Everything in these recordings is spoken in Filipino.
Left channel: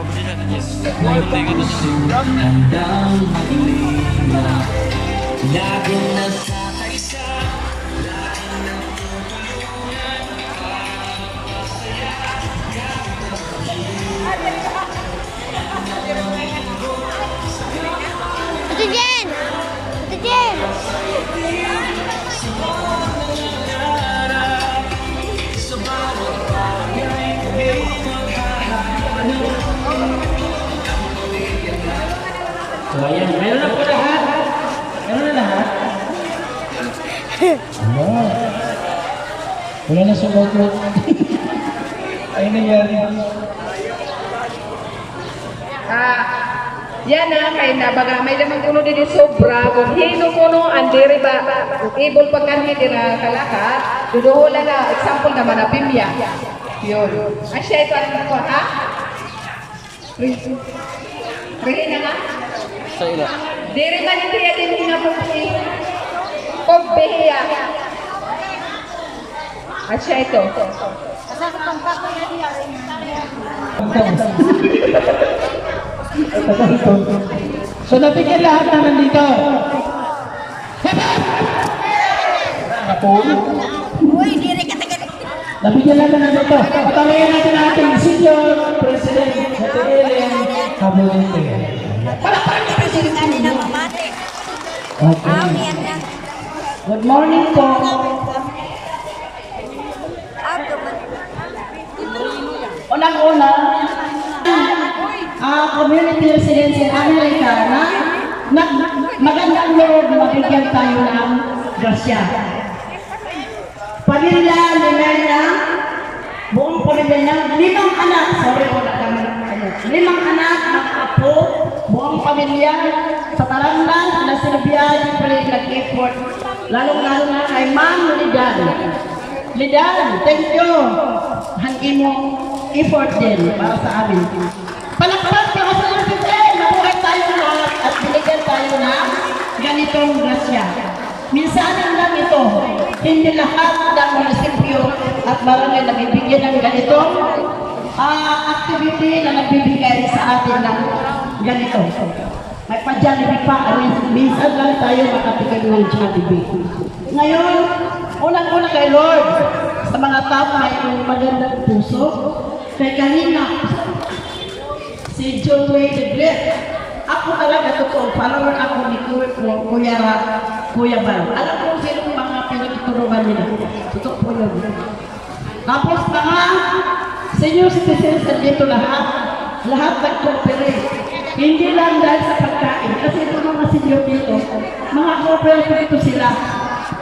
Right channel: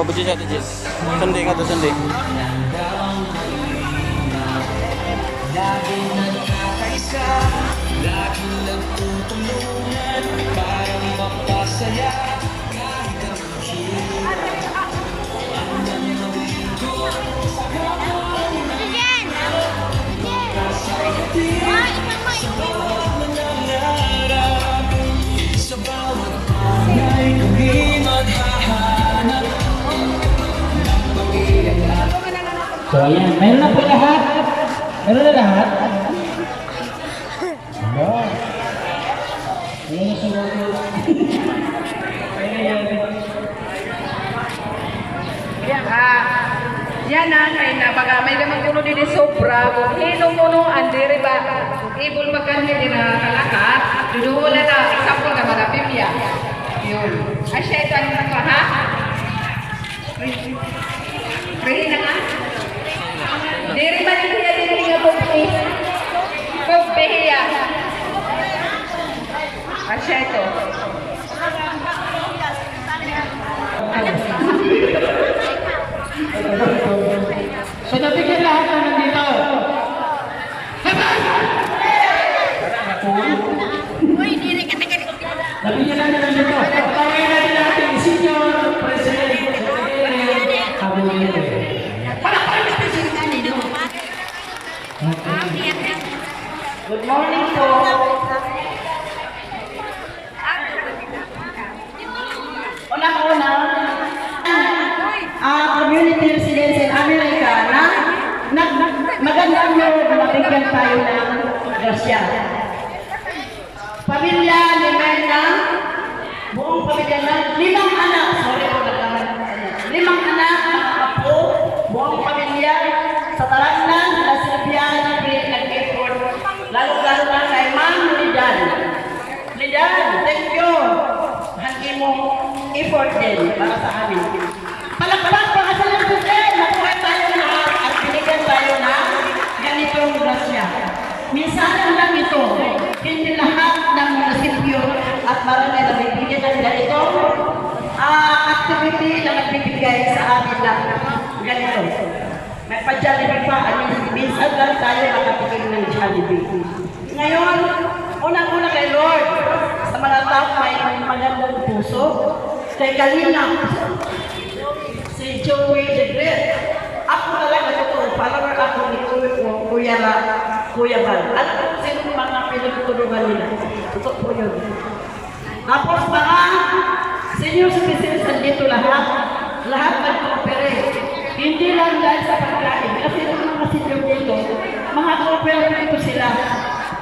Pabudin natin, Jess. Sunday ka to, Sunday. Lagi na sa pagsa, lagi na tutulungan, ikaw ang masaya. Ito dyan! Ito dyan! So ayan, meron na po lahat. Meron na lahat. Ano? Wala na sulat. Ay nangyari. Yan na, kay na baga may lamang kuno din sobra, kung hino kuno, andiri ba, kung ibol pa kanya din na kalakat, duduhula na, example naman na pimya. Yun. Ay siya ito ang ako, ha? Rehi na nga? Sa ila. Diri ba niya din nga pumpi? Pumpiya. Ay siya ito. So nabigyan lahat na nandito. Uy, diri ka tagal. Nabigyan lahat na nandito. Patawain natin ating senior president sa Tigilin, Habulite. Okay. Good morning po. Unang-una, community residents in America na magandang loob na mabigyan tayo ng grasya. Pamilya ni Mena, buong pamilya ng 5 anak, sorry po limang anak, mga apo, buong pamilya, sa talangan, na sinabihan, nag-effort, lalo-lalo na kay Ma'am Lidan. Lidan, thank you. Hangin mo effort din para sa amin. Palakpakan para sa LPN, nabuhay tayo lahat at binigyan tayo ng ganitong grasya. Minsan lang ito, hindi lahat ng munisipyo at barangay na bibigyan ng ganitong activity na nagbibigay sa atin ng ganito. Nagpa-Jollibee pa, minsan lang tayo nakatikim ng Jollibee. Ngayon, unang-una kay Lord, sa mga tao may magandang puso, kay Kalina, si Joey the Great. Ako talaga totoo, follower ako ni Kuya Bal. Alam ko sino mga pinagtuturuan nila. Totoo po yun. Tapos mga senior citizens dito lahat nag-cooperate. Hindi lang dahil sa pagkain. Kasi yung mga senior dito, mga cooperative ito sila.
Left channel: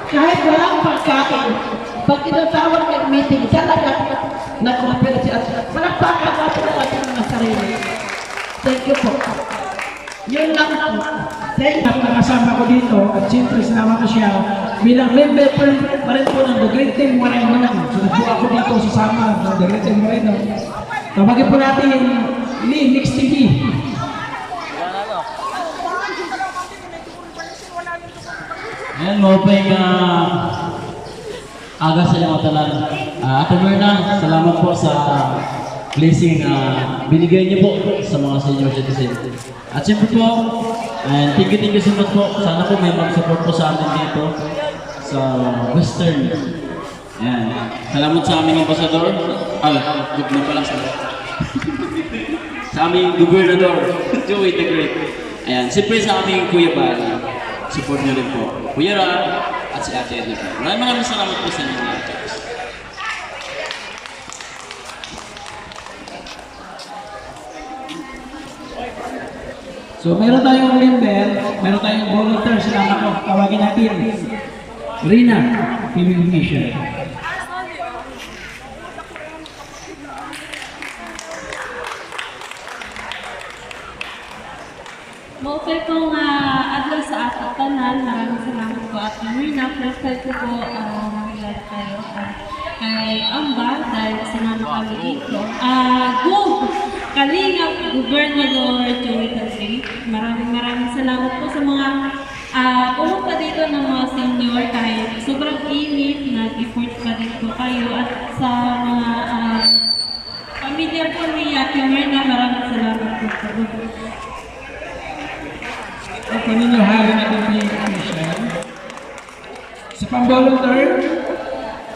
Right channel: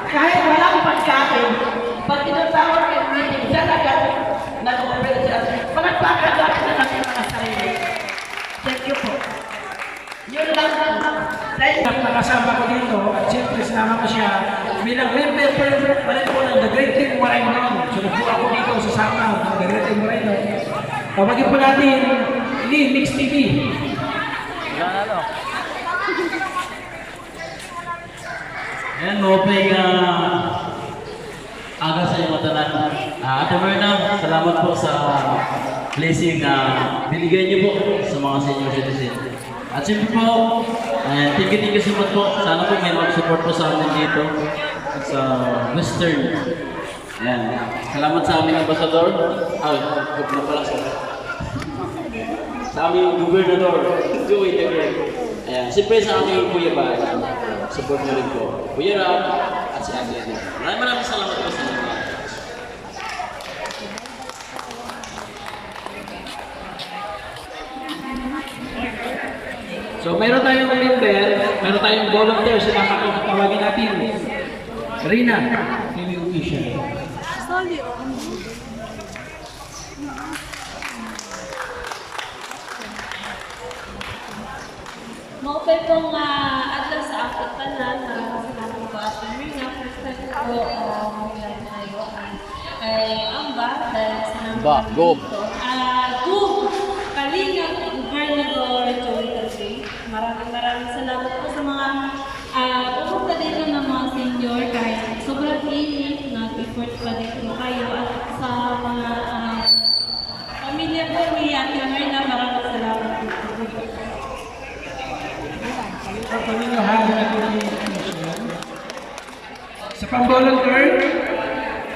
Kahit walang pagkain, pag tinatawag ng meeting, talaga nag-cooperate sila. Palagpakan natin ang ating mga sarili. Thank you po. Yun lang po. Nakasama ko dito at siyempre sinama ko siya bilang member pa rin po ng The Great Team Marainon. Sunod po ako dito sasama ng The Great Team Marainon. Tawagin po natin Linux TV. Wala na, no? Ayan, mopay aga sa inyo matalan. Ate Myrna, salamat po sa blessing binigay niyo po sa mga senior citizen. At siyempre po, thank you so much po. Sana po may mag-support po sa amin dito sa Western. Ayan. Salamat sa aming ambasador. Good na pala sila. Sa aming gobernador, Joey the Great. Ayan. Siyempre sa aming Kuya Bal. Support nyo rin po. Kuya Rab at si Ate Edna. Maraming salamat po sa inyo mga church. So meron tayong member, meron tayong volunteer, sinama ko, tawagin natin. Rina, TV Mission. Maupay kong adlaw sa aking tanan. Maraming salamat po at Marina. First time ko po mag-live kayo. Kay Amba, dahil sinama kami dito. Kalingap, Gobernador Joey Calvi. Maraming salamat po sa mga pumunta dito ng mga senior. Kahit sobrang init, nag-effort pa din po kayo. At sa mga pamilya po ni Ate Marina, maraming salamat. pang-volunteer,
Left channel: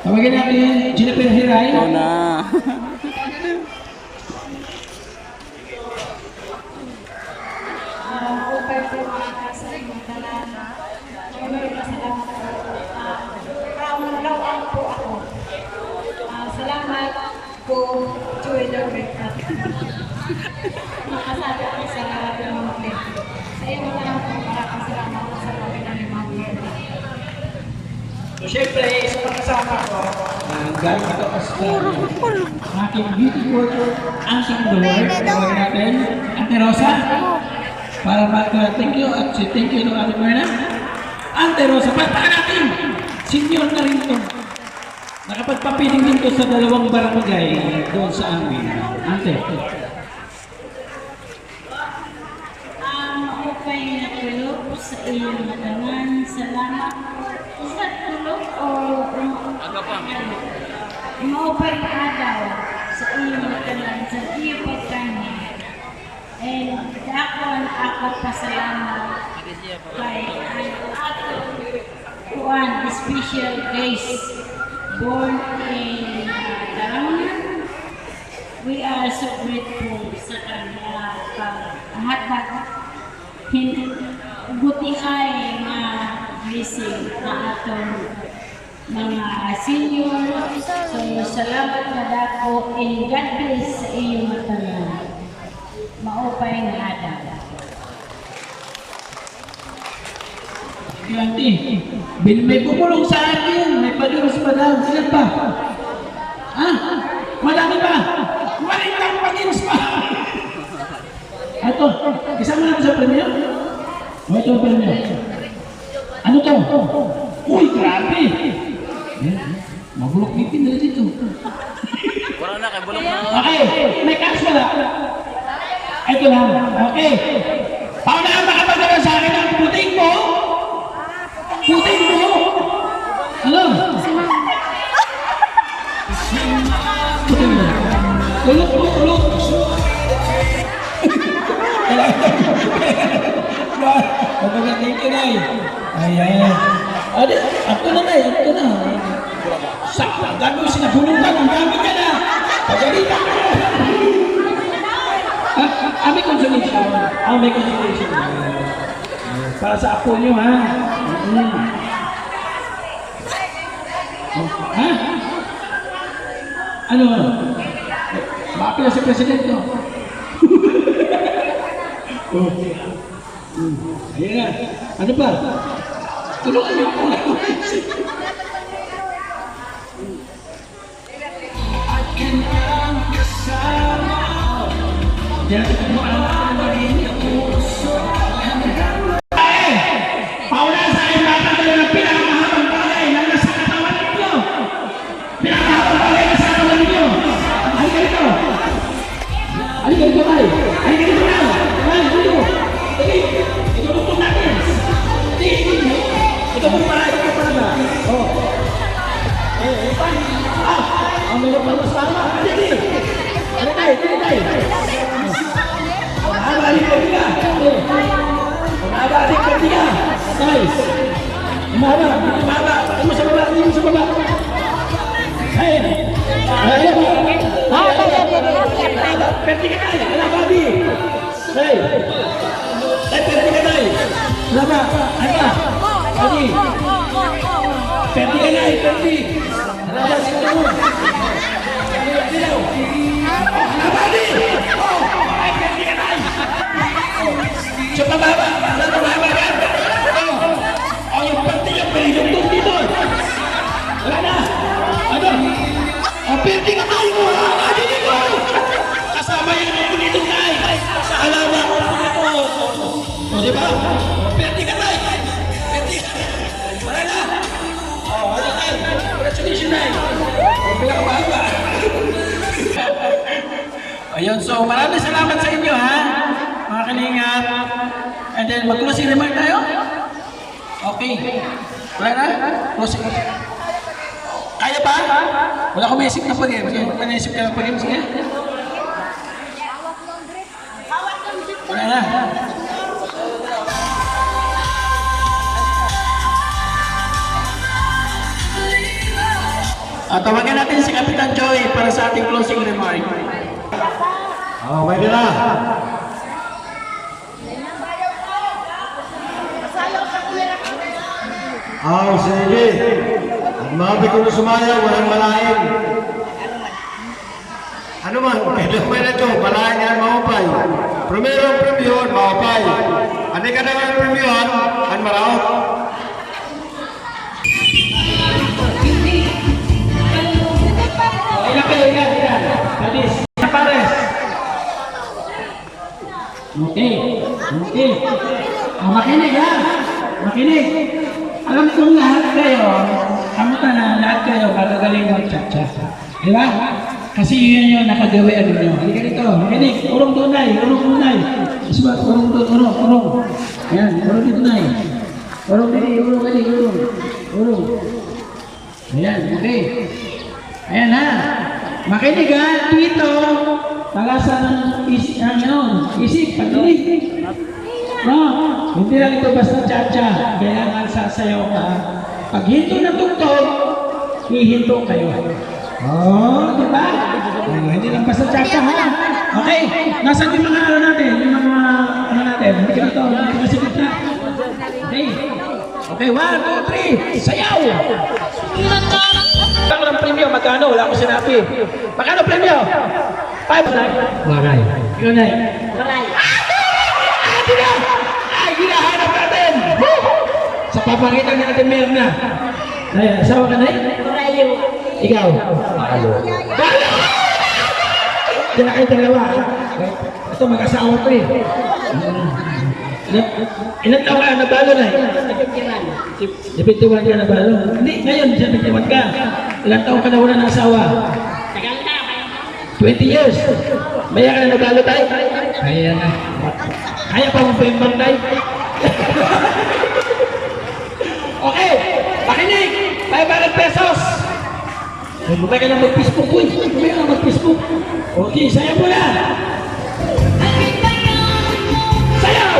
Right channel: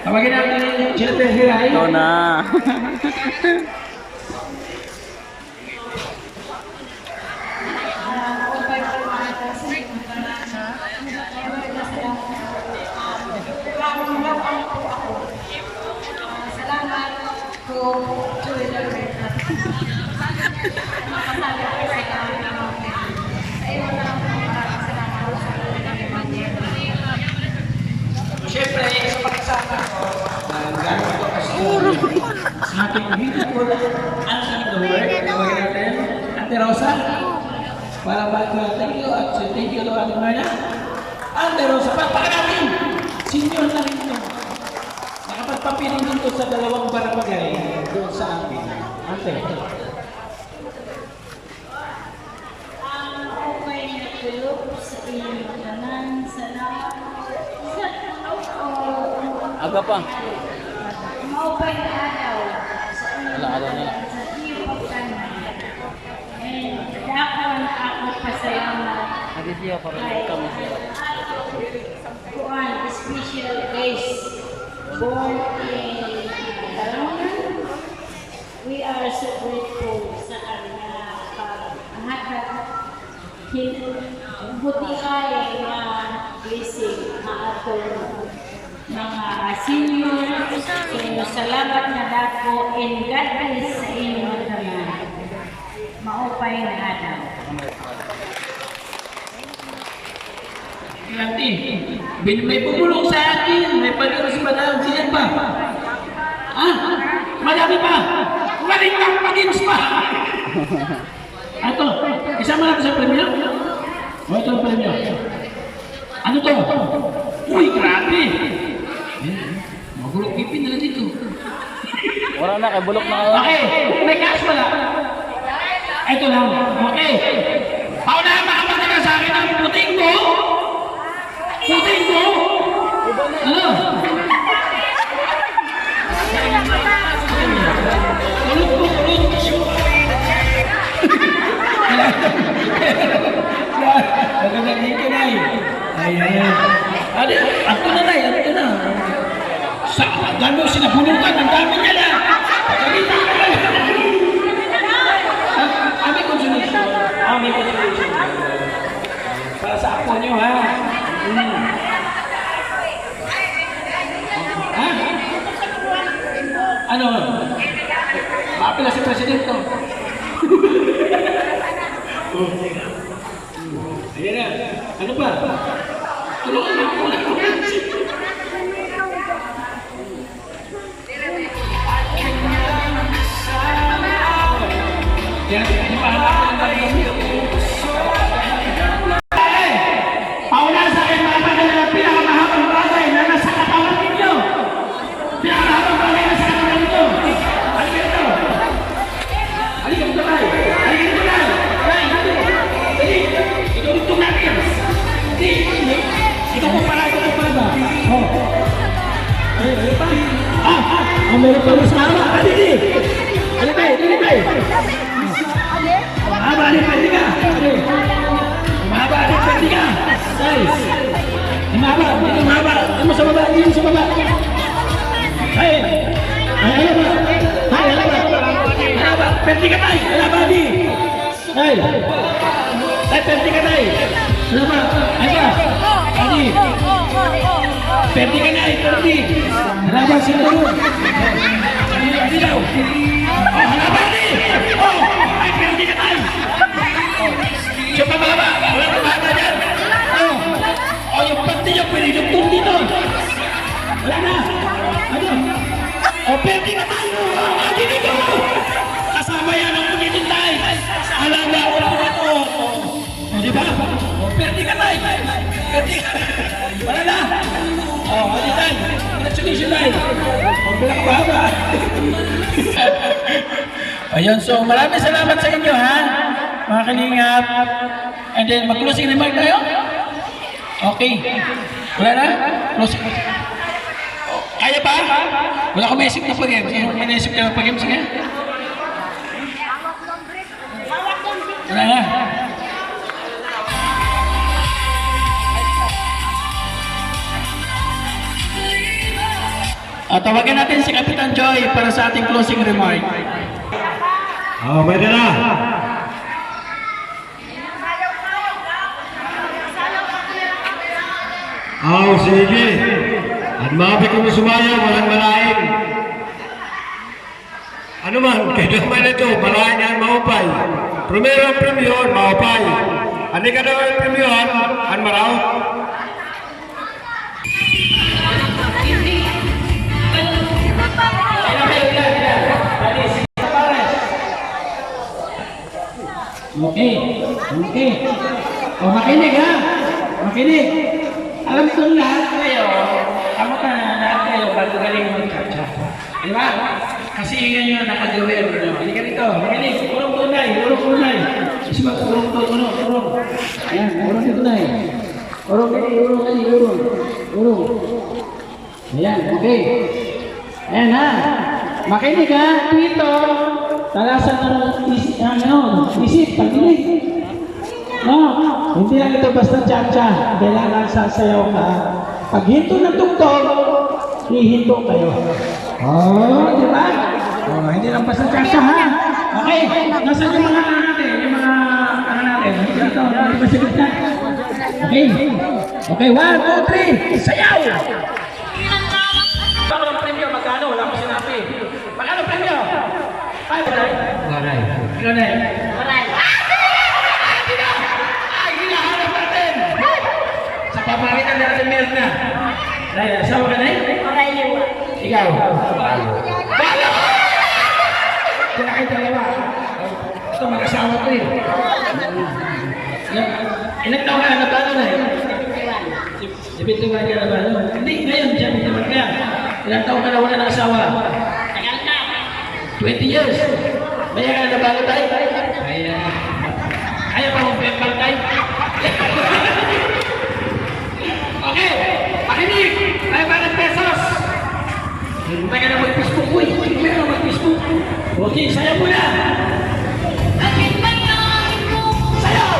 tawagin natin yung Jennifer Hiray. Ikaw na. Upay po sa inyong talana. Lord, salamat po. Kamulawan po ako. Salamat po, Joy Lord. Makasabi ko sa ngalan ng Diyos. Sa iyo na lang po makakasalamat sa ngalan ng Evangelio. So, syempre, sa pagkasama ko, galing ako sa aking beautiful auntie in the world, tawagin natin, Ate Rosa, para mag-thank you at thank you to Ate Marna. Ate Rosa, pagpaka natin! Senior na rin to. Nakapagpapiling din to sa 2 barangay doon sa amin. Ante. Upay na tulog sa iyong matangan. Salamat po. Sa tulog o Aga pa. maupay na araw sa iyong matangan. Sa iyong pagkanan. And dakon ako pasalamat Ate siya para kay ikaw. Juan, special grace, born in Talangan. We are so grateful sa kanya paghatag buti ay nga blessing na atong mga senior. So salamat na dako and God bless sa iyong tanan. Maupay ngaadaw. Auntie, may bumulong sa akin. May pag-iwas pa daw. Sino pa? Madami pa. Waling lang pag-iwas pa. Ito, isama natin sa premyo. O, ito ang premyo. Ano to? Uy, grabe. Magulok ipin nila dito. Wala na, kay bulok na ako. Okay, may cash wala. Ito lang. Okay. Paunahan makapagdala sa akin ang puting mo. Puting mo. Ano? Puting mo. Tulog mo, tulog. Maganda, thank you, Nay. Ayan. Adi, ato na, Nay. Ato na. Sa gano'n sinabulutan, ang dami niya na. Pagalitan ko na. May consolation. May consolation. Para sa apo nyo, ha? Ha? Ano? Maapila si Presidente ko. Ayan nga. Ano pa? Tulungan niyo po lang. Yan, pauna sa akin mapagdala ng pinakamahabang bagay na nasa katawan ninyo. Pinakamahabang bagay na sa katawan ninyo. Halika dito. Halika dito, Nay. Halika dito, Nay. Nay, dito. Dali. Itutugtog natin. Ito po para ba? Oh. Ay pa. Ang meron pa mas mama. Halika. Halika. Mahaba rin pwede ka. Mahaba rin pwede ka. Size. Mahaba. Dito mahaba. Ano sa baba? Dito sa baba. Ay. Ano ba? Mahaba. Pwede ka tayo. Mahaba di. Ay. Pwede ka tayo. Mahaba. Aka. Adi. Pwede ka na. Pwede. Mahaba sila mo. Adi daw. Mahaba di. Pwede ka tayo. Siya pababa, pababa yan. O yung pati niya, pwede yung tong dito. Wala na. Ano? O pwede ka tayo. Adi dito. Kasama yan ang punitong tayo. Alawa ko na ito. O diba? O pwede ka tayo. Pwede ka. Wala na. O, wala tayo. Congratulations tayo. O pinakababa. Ayun, so maraming salamat sa inyo, ha? Mga kalingap. And then, mag-closing remark tayo? Okay. Wala na? Closing remark. Kaya pa? Wala ko may isip na pag-game. May naisip ka na pag-game? Sige. Wala na. Tawagan natin si Kapitan Joy para sa ating closing remark. Oh, pwede na. Sige. At mabi kong sumaya, walang malain. Ano man, kailangan ito, malain yan, maupay. Primero ang premium, maupay. Ano ka na ang premium, ang maraw? Okay. O, makinig ha. Makinig. Alam kong lahat kayo, lahat kayo magagaling mag-cha-cha. Di ba? Kasi yun yung nakagawin nyo. Halika rito, makinig. Urong tunay. Isibat, urong. Yan, urong tunay. Urong. Ayan, okay. Ayan ha. Makinig ha. Dito, tagasan ng isip, pagdinig. No, hindi lang ito basta cha-cha. Kailangan sasayaw ka. Pag hinto na tugtog, hihinto kayo. Di ba? Hindi lang basta cha-cha ha. Okay, nasan yung mga natin? Hindi ka ito, hindi ka sigit na. Okay, 1, 2, 3, sayaw! Ako ng premyo, magkano? Wala ko sinabi. Magkano premyo? 5. Waray. Ikaw na. Waray. Hinahanap natin! Sa paparitan natin meron na. Asawa ka na eh? Warayo. Ikaw? Balo! Diyan kayo dalawa. Ito mag-asawa ko eh. Ilan taon ka nabalo na eh? 71 ka nabalo? Hindi, ngayon 71 ka. Ilan taon ka na wala ng asawa? Tagal na. 20 years. Maya ka na nabalo tayo? Kaya na. Kaya pa mong pembang tayo? Okay, pakinig! 500 pesos! Huwag ka na mag-Facebook ko eh. Huwag ka na mag-Facebook. Okay, sayaw mo na! Sayaw!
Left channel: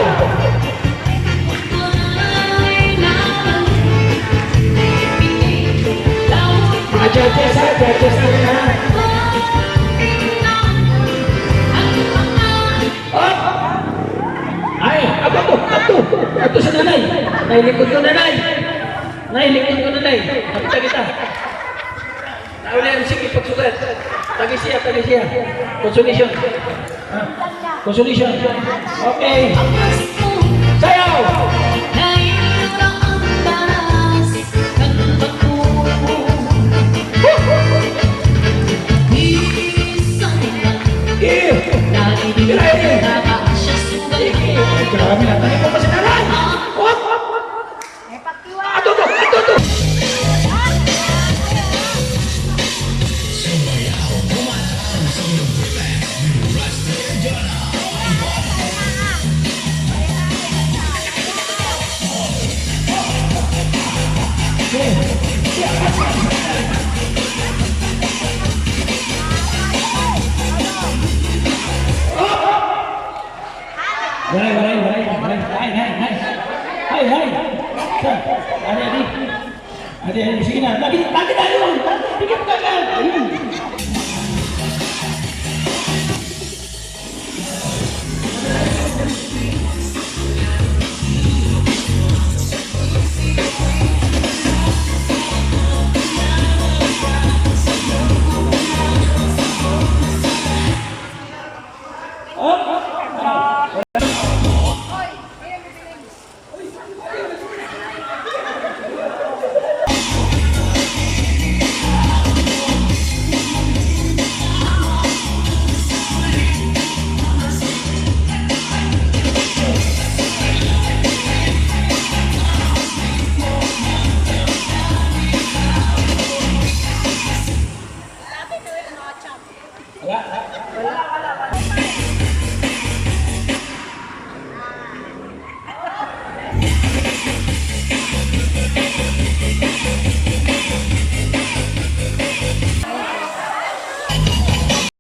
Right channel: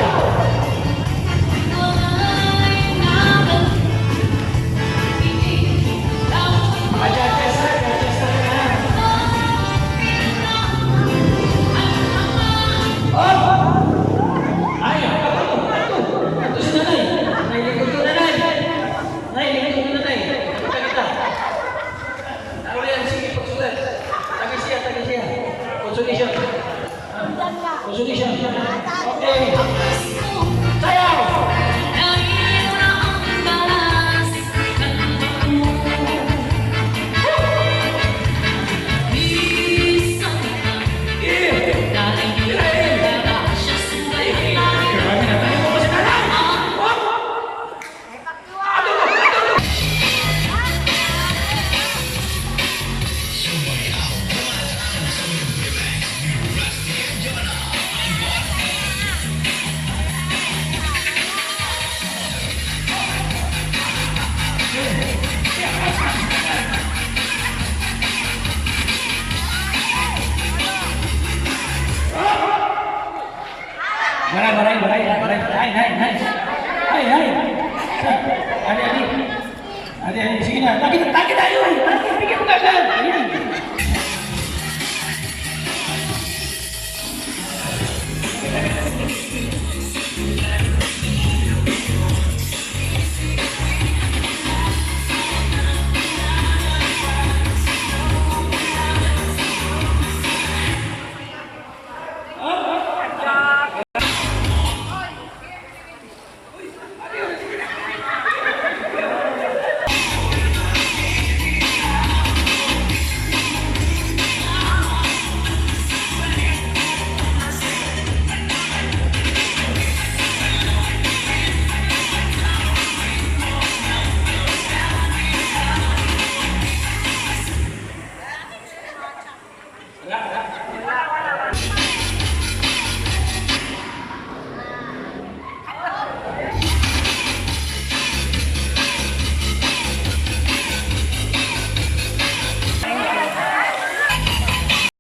Mga judges na ha? Ito sa nanay. Nailikod ko nanay. Nakita kita. Nauna yan, sige, pagsulat. Tagi siya. Consolation. Okay. Sayaw! Adik, sige na. Bagi tayo. Bigyan mo kagad. Ayan.